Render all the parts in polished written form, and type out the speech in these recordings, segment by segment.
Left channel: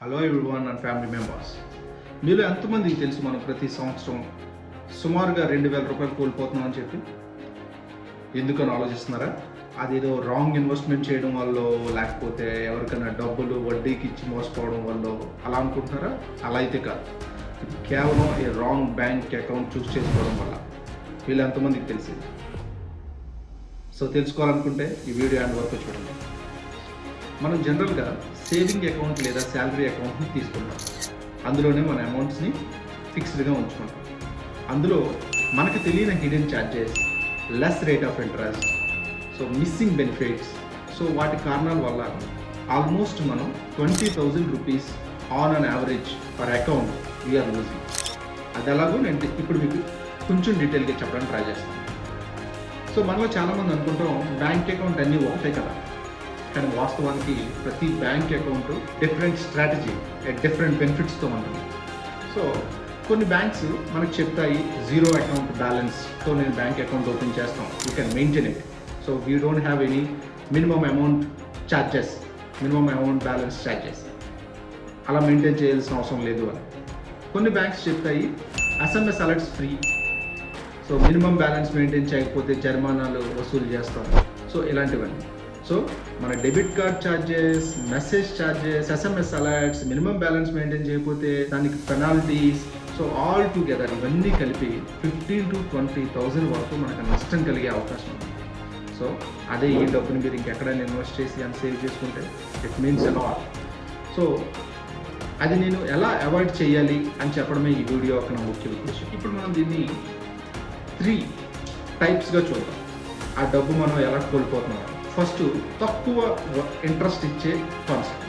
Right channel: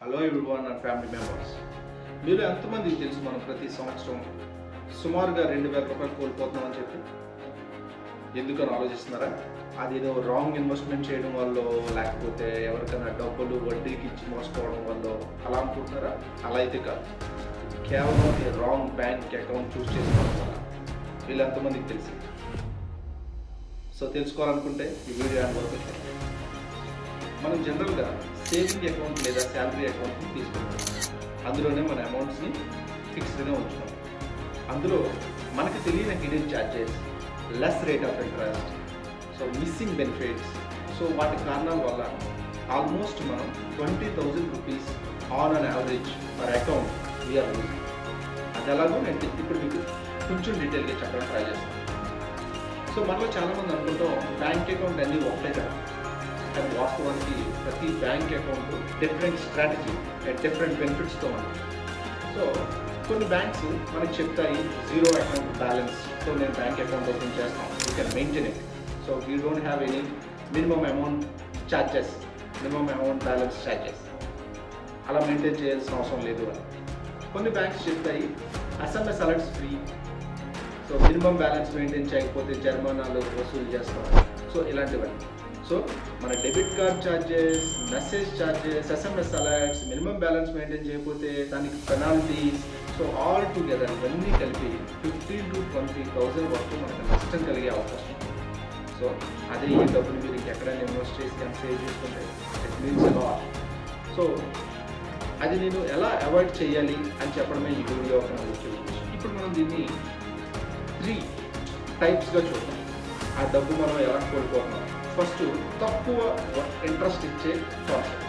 Hello everyone and family members, మీలో ఎంతమందికి తెలుసు మనం ప్రతి సంవత్సరం సుమారుగా 2,000 రూపాయలు కోల్పోతున్నామని చెప్పి? ఎందుకని ఆలోచిస్తున్నారా? అదేదో రాంగ్ ఇన్వెస్ట్మెంట్ చేయడం వల్ల, లేకపోతే ఎవరికైనా డబ్బులు వడ్డీకి ఇచ్చి మోసపోవడం వల్ల అలా అనుకుంటున్నారా? అలా అయితే కాదు. ఇది కేవలం ఈ రాంగ్ బ్యాంక్ అకౌంట్ చూస్ చేసుకోవడం వల్ల. వీళ్ళు ఎంతమందికి తెలిసింది? సో తెలుసుకోవాలనుకుంటే ఈ వీడియో అండ్ వరకు చూడండి. మనం జనరల్గా సేవింగ్ అకౌంట్ లేదా శాలరీ అకౌంట్ని తీసుకుంటాం. అందులోనే మన అమౌంట్స్ని ఫిక్స్డ్గా ఉంచుతాం. అందులో మనకు తెలియని hidden charges, less rate of interest, so missing benefits, so వాటి కారణాల వల్ల ఆల్మోస్ట్ మనం 20,000 rupees on an average per account we're losing. అది ఎలాగో నేను ఇప్పుడు మీకు కొంచెం డీటెయిల్గా చెప్పడానికి ట్రై చేస్తాను. సో మనలో చాలామంది అనుకుంటాం బ్యాంక్ అకౌంట్ అన్నీ ఒకటే కదా, కానీ వాస్తవానికి ప్రతి bank account different strategy, different బెనిఫిట్స్తో ఉంటుంది. సో కొన్ని బ్యాంక్స్ మనకు చెప్తాయి జీరో అకౌంట్ బ్యాలెన్స్తో నేను బ్యాంక్ అకౌంట్ ఓపెన్ చేస్తాం, you can maintain it, so we don't have any minimum amount charges, minimum amount balance charges, అలా మెయింటైన్ చేయాల్సిన అవసరం లేదు అని. కొన్ని బ్యాంక్స్ చెప్తాయి SMS alerts free, so minimum balance maintain చేయకపోతే జరిమానాలు వసూలు చేస్తాం. సో ఇలాంటివన్నీ. సో మన debit card charges, message charges, SMS alerts, minimum balance maintain చేయకపోతే దానికి పెనాల్టీస్, సో ఆల్ టుగెదర్ ఇవన్నీ కలిపి 15,000 to 20,000 వరకు మనకు నష్టం కలిగే అవకాశం ఉంది. సో అదే ఈ డబ్బుని మీరు ఇంకెక్కడైనా ఇన్వెస్ట్ చేసి అని సేవ్ చేసుకుంటే ఇట్ మీన్స్ లాట్. సో అది నేను ఎలా అవాయిడ్ చేయాలి అని చెప్పడమే ఈ వీడియో ఒక ముఖ్య ఉద్దేశం. ఇప్పుడు మనం దీన్ని 3 టైప్స్గా చూద్దాం. ఆ డబ్బు మనం ఎలా కోల్పోతున్నాం. ఫస్ట్, తక్కువ ఇంట్రెస్ట్ ఇచ్చే కాన్సెప్ట్.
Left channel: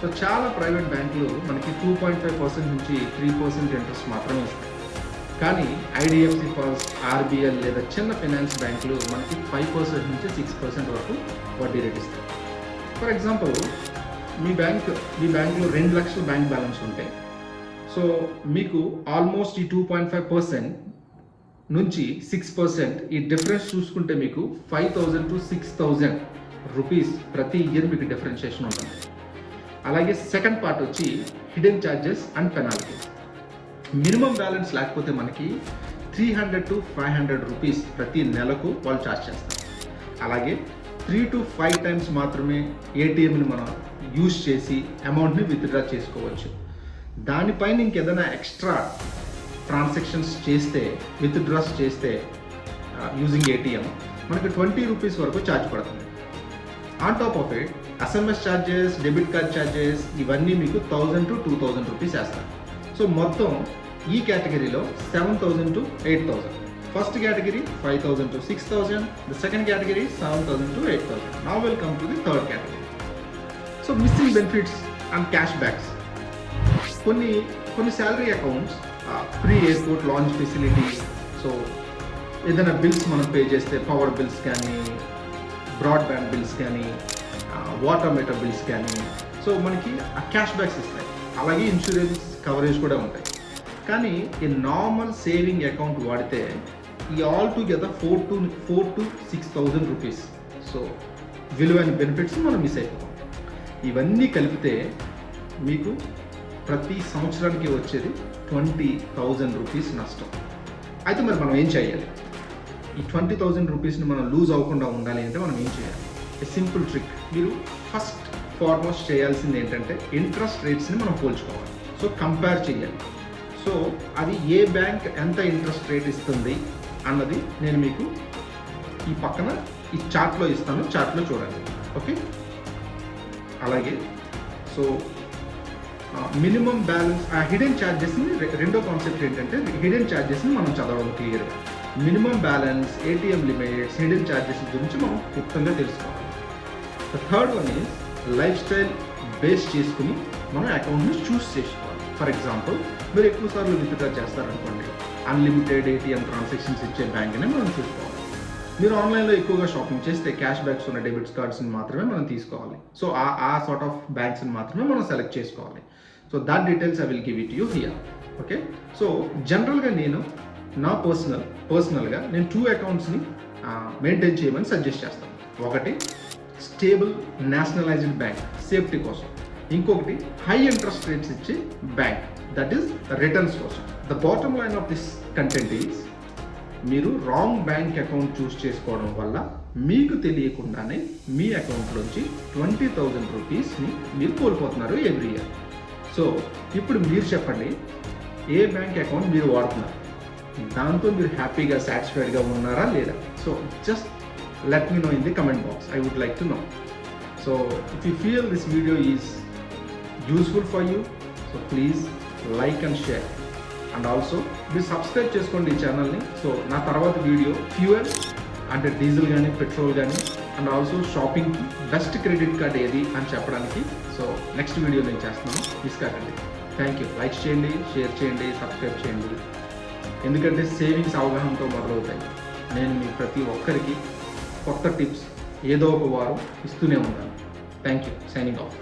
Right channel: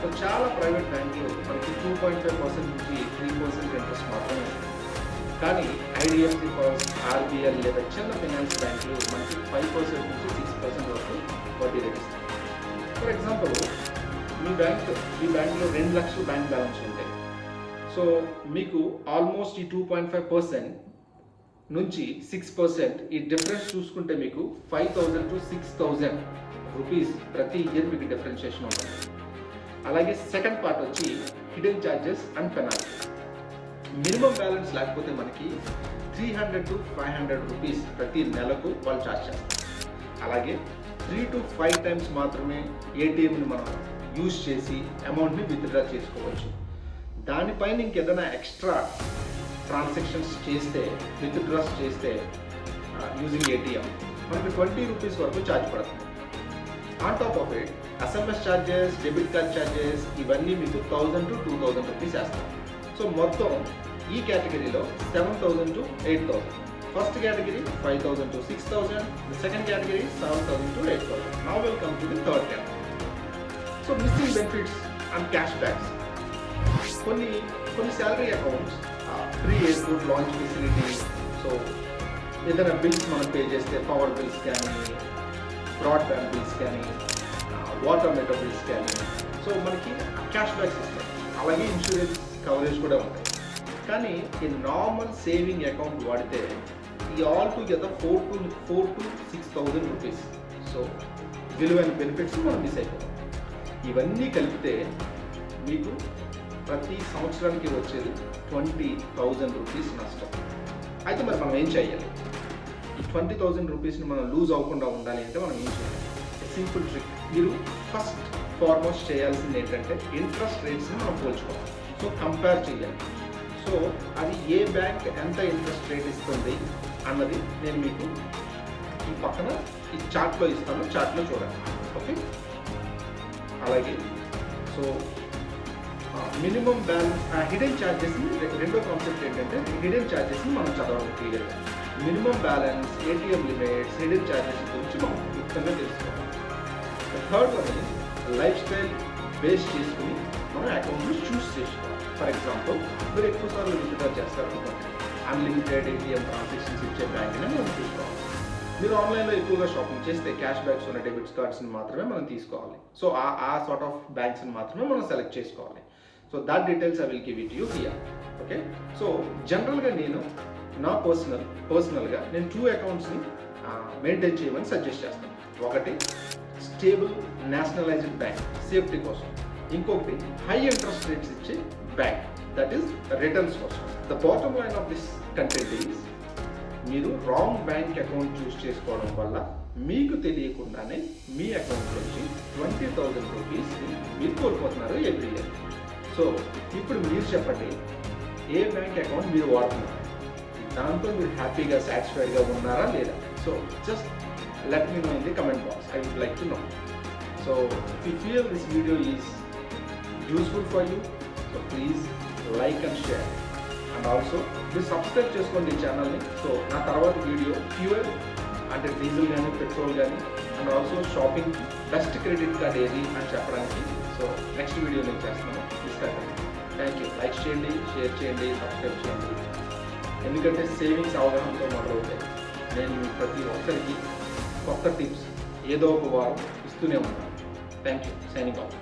సో చాలా ప్రైవేట్ బ్యాంకులు మనకి 2.5% నుంచి 3% ఇంట్రెస్ట్ మాత్రమే ఇస్తాయి. కానీ IDFC ఫస్ట్, RBL లేదా చిన్న ఫైనాన్స్ బ్యాంకులు మనకి 5% నుంచి 6% వరకు వడ్డీ రేట్ ఇస్తాయి. ఫర్ ఎగ్జాంపుల్, మీ బ్యాంకులో 2 లక్షల బ్యాంక్ బ్యాలెన్స్ ఉంటాయి. సో మీకు ఆల్మోస్ట్ ఈ 2.5% నుంచి 6% ఈ డిఫరెన్స్ చూసుకుంటే మీకు 5,000 to 6,000 రూపీస్ ప్రతి ఇయర్ మీకు డిఫరెన్షియేషన్ ఉంటుంది. అలాగే సెకండ్ పార్ట్ వచ్చి hidden charges and penalties. Minimum balance లేకపోతే మనకి 300 to 500 రూపీస్ ప్రతి నెలకు వాళ్ళు ఛార్జ్ చేస్తారు. అలాగే 3 to 5 టైమ్స్ మాత్రమే ATMని మనం యూజ్ చేసి అమౌంట్ని విత్డ్రా చేసుకోవచ్చు. దానిపైన ఇంకేదైనా ఎక్స్ట్రా ట్రాన్సాక్షన్స్ చేస్తే, విత్డ్రాస్ చేస్తే యూజింగ్ ATM మనకి 20 రూపీస్ వరకు ఛార్జ్ పడుతుంది. On top of it SMS charges, debit card charges ఇవన్నీ మీకు 1,000 to 2,000 రూపీస్ వేస్తారు. సో మొత్తం ఈ కేటగిరీలో 7,000 to 8,000. First category 5,000 to 6,000, the second category 7,000 to 8,000. Now will come to the third category. So missing benefits and cash backs. కొన్ని salary accounts free airport lounge facility, so ఏదైనా bills మనం pay చేస్తే power bills కానీ, broadband bills కానీ, water meter bills కానీ, so మనకి ఆ cash backs ఇస్తాయి. అలాగే ఇన్సూరెన్స్ కవరేజ్ కూడా ఉంటాయి. కానీ ఈ నార్మల్ సేవింగ్ అకౌంట్ వాడితే ఈ all together 4 to 6,000 rupees, so విలువైన బెనిఫిట్స్ మనం మిస్ అయిపోతాం. ఇవన్నీ కలిపితే మీకు ప్రతి సంవత్సరానికి వచ్చేది 20,000 రూపీస్ నష్టం. అయితే మరి మనం ఏం చేయాలి? ఈ 20,000 రూపీస్ని మనం లూజ్ అవ్వకుండా ఉండాలి అంటే మనం ఏం చేయాలి? Simple trick. మీరు ఫస్ట్ ఫార్మోస్ట్ చేయాల్సింది ఏంటంటే ఇంట్రెస్ట్ రేట్స్ని మనం పోల్చుకోవాలి. సో కంపేర్ చేయాలి. సో అది ఏ బ్యాంక్ ఎంత ఇంట్రెస్ట్ రేట్ ఇస్తుంది అన్నది నేను మీకు ఈ పక్కన ఈ చార్ట్లో ఇస్తాను, చార్ట్లో చూడండి. ఓకే. అలాగే సో మినిమం బ్యాలెన్స్, హిడెన్ ఛార్జెస్ని, రెండో కాన్సెప్ట్ ఏంటంటే హిడెన్ ఛార్జెస్ని మనం చదవడం క్లియర్గా. Minimum balance, ATM limits, hidden charges గురించి మనం క్లుప్తంగా తెలుసుకోవాలి. Third one is life style base చేసుకుని మనం అకౌంట్ని చూస్ చేసుకోవాలి. ఫర్ ఎగ్జాంపుల్, మీరు ఎక్కువ సార్లు విత్డ్రా చేస్తారనుకోండి, అన్లిమిటెడ్ ATM ట్రాన్సాక్షన్స్ ఇచ్చే బ్యాంక్ని మనం తీసుకోవాలి. మీరు ఆన్లైన్లో ఎక్కువగా షాపింగ్ చేస్తే క్యాష్ బ్యాక్స్ ఉన్న డెబిట్ కార్డ్స్ని మాత్రమే మనం తీసుకోవాలి. సో ఆ సార్ట్ ఆఫ్ బ్యాంక్స్ని మాత్రమే మనం సెలెక్ట్ చేసుకోవాలి. So that details I will give it you here. Okay. So జనరల్గా నేను నా పర్సనల్గా నేను 2 అకౌంట్స్ని మెయింటైన్ చేయమని సజెస్ట్ చేస్తాను. ఒకటి స్టేబుల్ నేషనలైజ్డ్ బ్యాంక్, సేఫ్టీ కోసం. ఇంకొకటి హై ఇంట్రెస్ట్ రేట్స్ ఇచ్చే bank, that is returns source. The bottom line of this content is, మీరు రాంగ్ బ్యాంక్ అకౌంట్ చూస్ చేసుకోవడం వల్ల మీకు తెలియకుండానే మీ అకౌంట్లోంచి 20,000 రూపీస్ని మీరు కోల్పోతున్నారు ఎవ్రీ ఇయర్. సో ఇప్పుడు మీరు చెప్పండి, ఏ బ్యాంక్ అకౌంట్ మీరు వాడుతున్నారు, దాంతో మీరు హ్యాపీగా సాటిస్ఫైడ్గా ఉన్నారా లేదా? So just let me know in the comment box. I would like to know. So if you feel this video is useful for you, so please like and share, and also మీరు subscribe చేసుకోండి ఈ ఛానల్ని. So నా తర్వాత video fuel అంటే diesel కానీ petrol కానీ and also shopping best credit card ఏది అని చెప్పడానికి సో నెక్స్ట్ వీడియో నేను చేస్తున్నాను, మిస్ కాకండి. Thank you. లైక్ చేయండి, షేర్ చేయండి, సబ్స్క్రైబ్ చేయండి. ఎందుకంటే సేవింగ్స్ అవగాహనతో మొదలవుతాయి. నేను మీ ప్రతి ఒక్కరికి కొత్త టిప్స్ ఏదో ఒక వారం ఇస్తూనే ఉంటాను. Thank you. Signing off.